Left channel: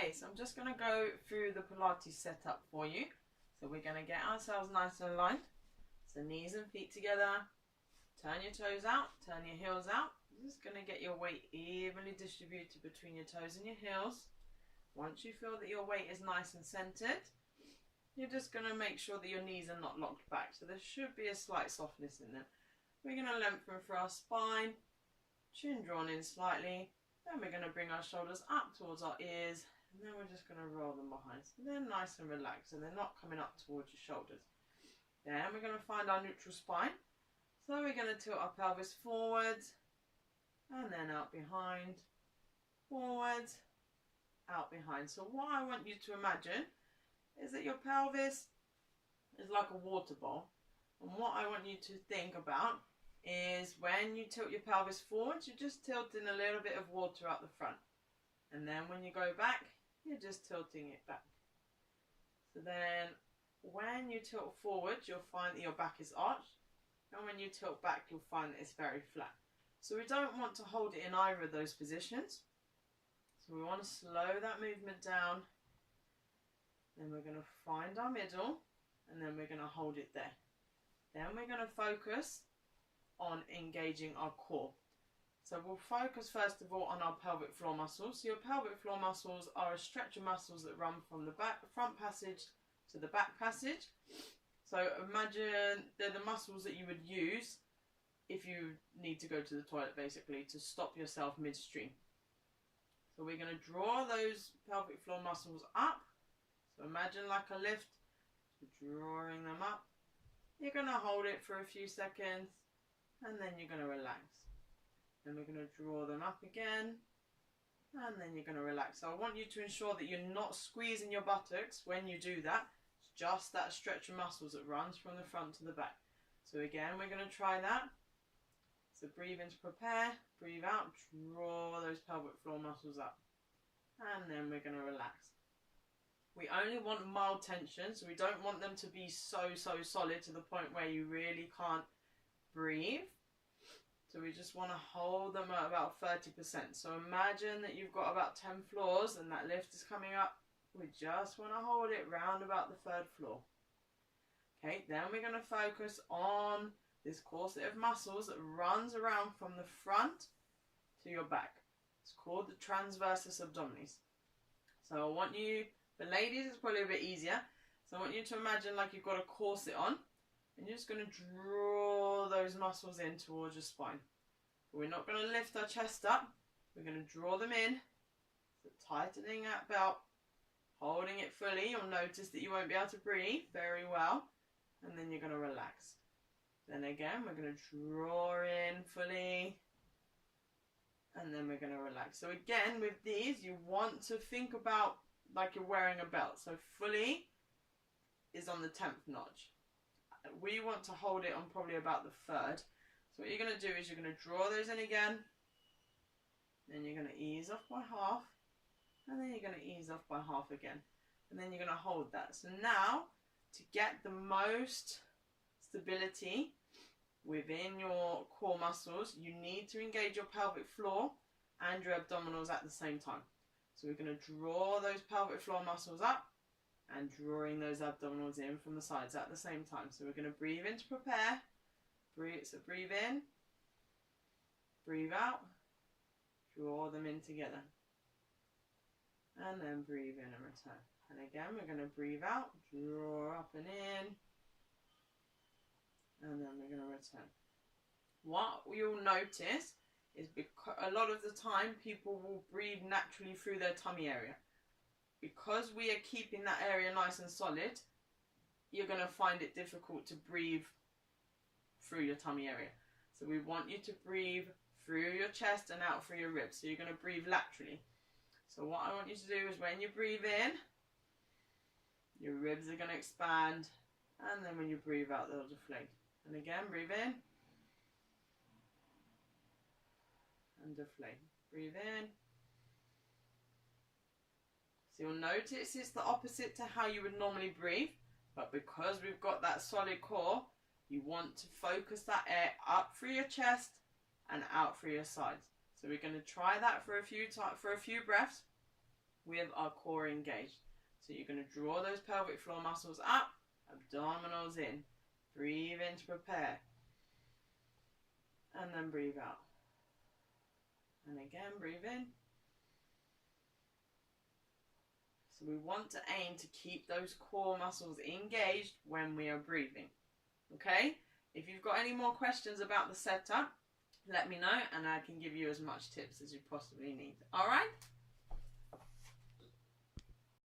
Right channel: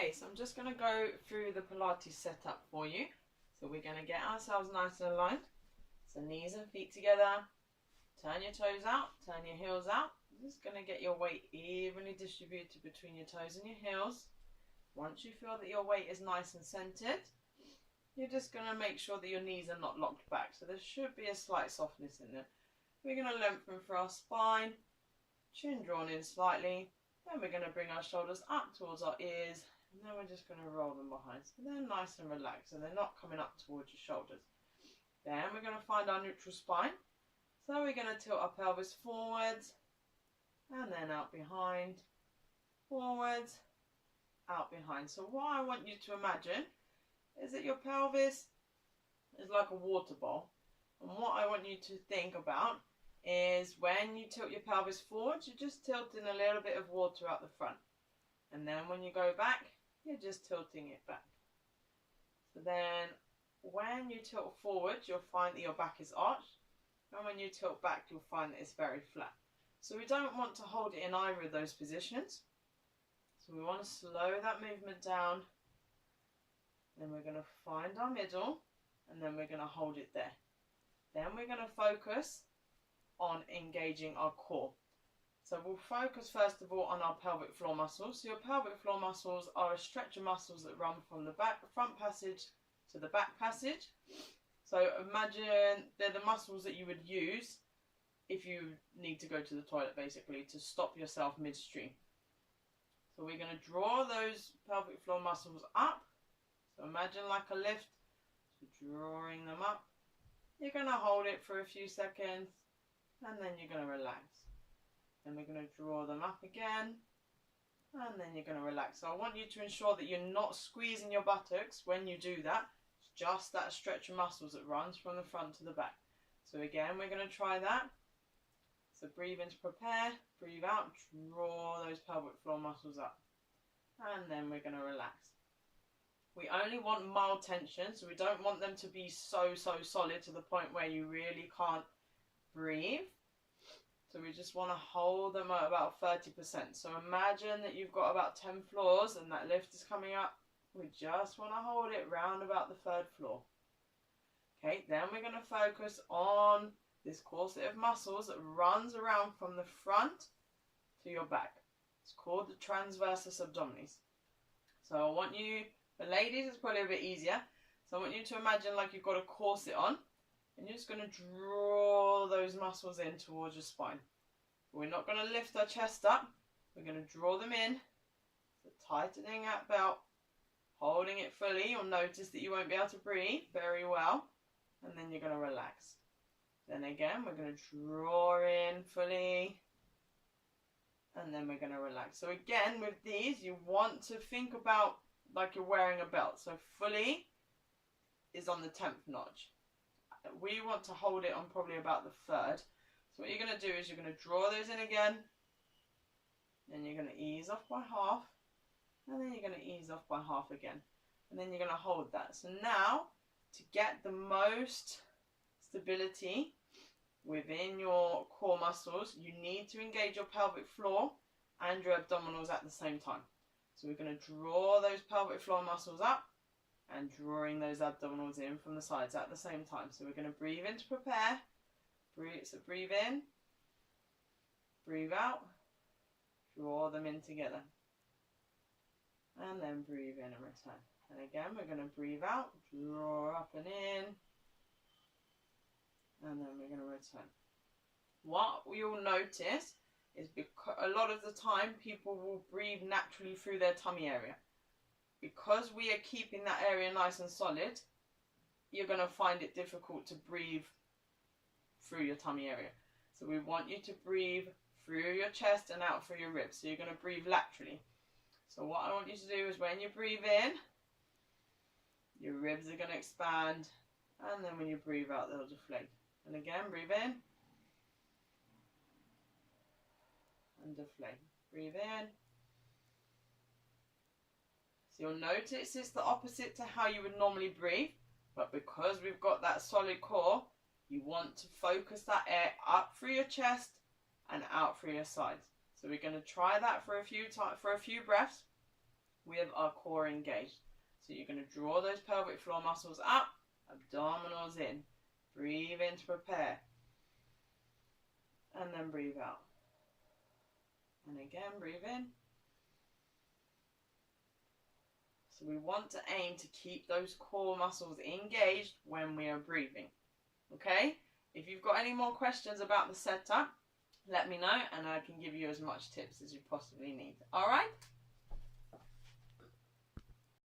Okay, so I'm just going to go through the Pilates setup for you. So we're going to get ourselves nice and aligned. So knees and feet together. Turn your toes out, turn your heels out. Just going to get your weight evenly distributed between your toes and your heels. Once you feel that your weight is nice and centered, you're just going to make sure that your knees are not locked back. So there should be a slight softness in them. We're going to lengthen for our spine, chin drawn in slightly. Then we're going to bring our shoulders up towards our ears, and then we're just going to roll them behind. So they're nice and relaxed, and they're not coming up towards your shoulders. Then we're going to find our neutral spine. So we're going to tilt our pelvis forwards, and then out behind, forwards, out behind. So what I want you to imagine is that your pelvis is like a water bowl. And what I want you to think about is when you tilt your pelvis forwards, you're just tilting a little bit of water out the front. And then when you go back, you're just tilting it back. So then when you tilt forward, you'll find that your back is arched. And when you tilt back, you'll find that it's very flat. So we don't want to hold it in either of those positions. So we want to slow that movement down. Then we're going to find our middle, and then we're going to hold it there. Then we're going to focus on engaging our core. So we'll focus first of all on our pelvic floor muscles. So your pelvic floor muscles are a stretch of muscles that run from the front passage to the back passage. So imagine they're the muscles that you would use if you need to go to the toilet, basically, to stop yourself midstream. So we're going to draw those pelvic floor muscles up. So imagine like a lift, so drawing them up. You're going to hold it for a few seconds, and then you're going to relax. Then we're going to draw them up again, and then you're going to relax. So I want you to ensure that you're not squeezing your buttocks when you do that. It's just that stretch of muscles that runs from the front to the back. So again, we're going to try that. So breathe in to prepare, breathe out, draw those pelvic floor muscles up. And then we're going to relax. We only want mild tension, so we don't want them to be so solid to the point where you really can't breathe. So we just want to hold them at about 30%. So imagine that you've got about 10 floors and that lift is coming up. We just want to hold it round about the 3rd floor. Okay, then we're going to focus on this corset of muscles that runs around from the front to your back. It's called the transversus abdominis. So I want you, for ladies it's probably a bit easier. So I want you to imagine like you've got a corset on, and you're just going to draw those muscles in towards your spine. But we're not going to lift our chest up. We're going to draw them in. So tightening that belt, holding it fully. You'll notice that you won't be able to breathe very well. And then you're going to relax. Then again, we're going to draw in fully. And then we're going to relax. So again, with these, you want to think about like you're wearing a belt. So fully is on the 10th notch. We want to hold it on probably about the 3rd. So what you're going to do is you're going to draw those in again. Then you're going to ease off by half. And then you're going to ease off by half again. And then you're going to hold that. So now, to get the most stability within your core muscles, you need to engage your pelvic floor and your abdominals at the same time. So we're going to draw those pelvic floor muscles up and drawing those abdominals in from the sides at the same time. So we're going to breathe in to prepare. Breathe in, breathe out, draw them in together. And then breathe in and return. And again, we're going to breathe out, draw up and in. And then we're going to return. What you'll notice is because a lot of the time people will breathe naturally through their tummy area. Because we are keeping that area nice and solid, you're going to find it difficult to breathe through your tummy area. So we want you to breathe through your chest and out through your ribs. So you're going to breathe laterally. So what I want you to do is when you breathe in, your ribs are going to expand, and then when you breathe out, they'll deflate. And again, breathe in and deflate. Breathe in. So you'll notice it's the opposite to how you would normally breathe, but because we've got that solid core, you want to focus that air up through your chest and out through your sides. So we're going to try that for a few breaths. with our core engaged. So you're going to draw those pelvic floor muscles up, abdominals in. Breathe in to prepare. And then breathe out. And again, breathe in. So we want to aim to keep those core muscles engaged when we are breathing. Okay? If you've got any more questions about the setup, let me know and I can give you as much tips as you possibly need. Alright?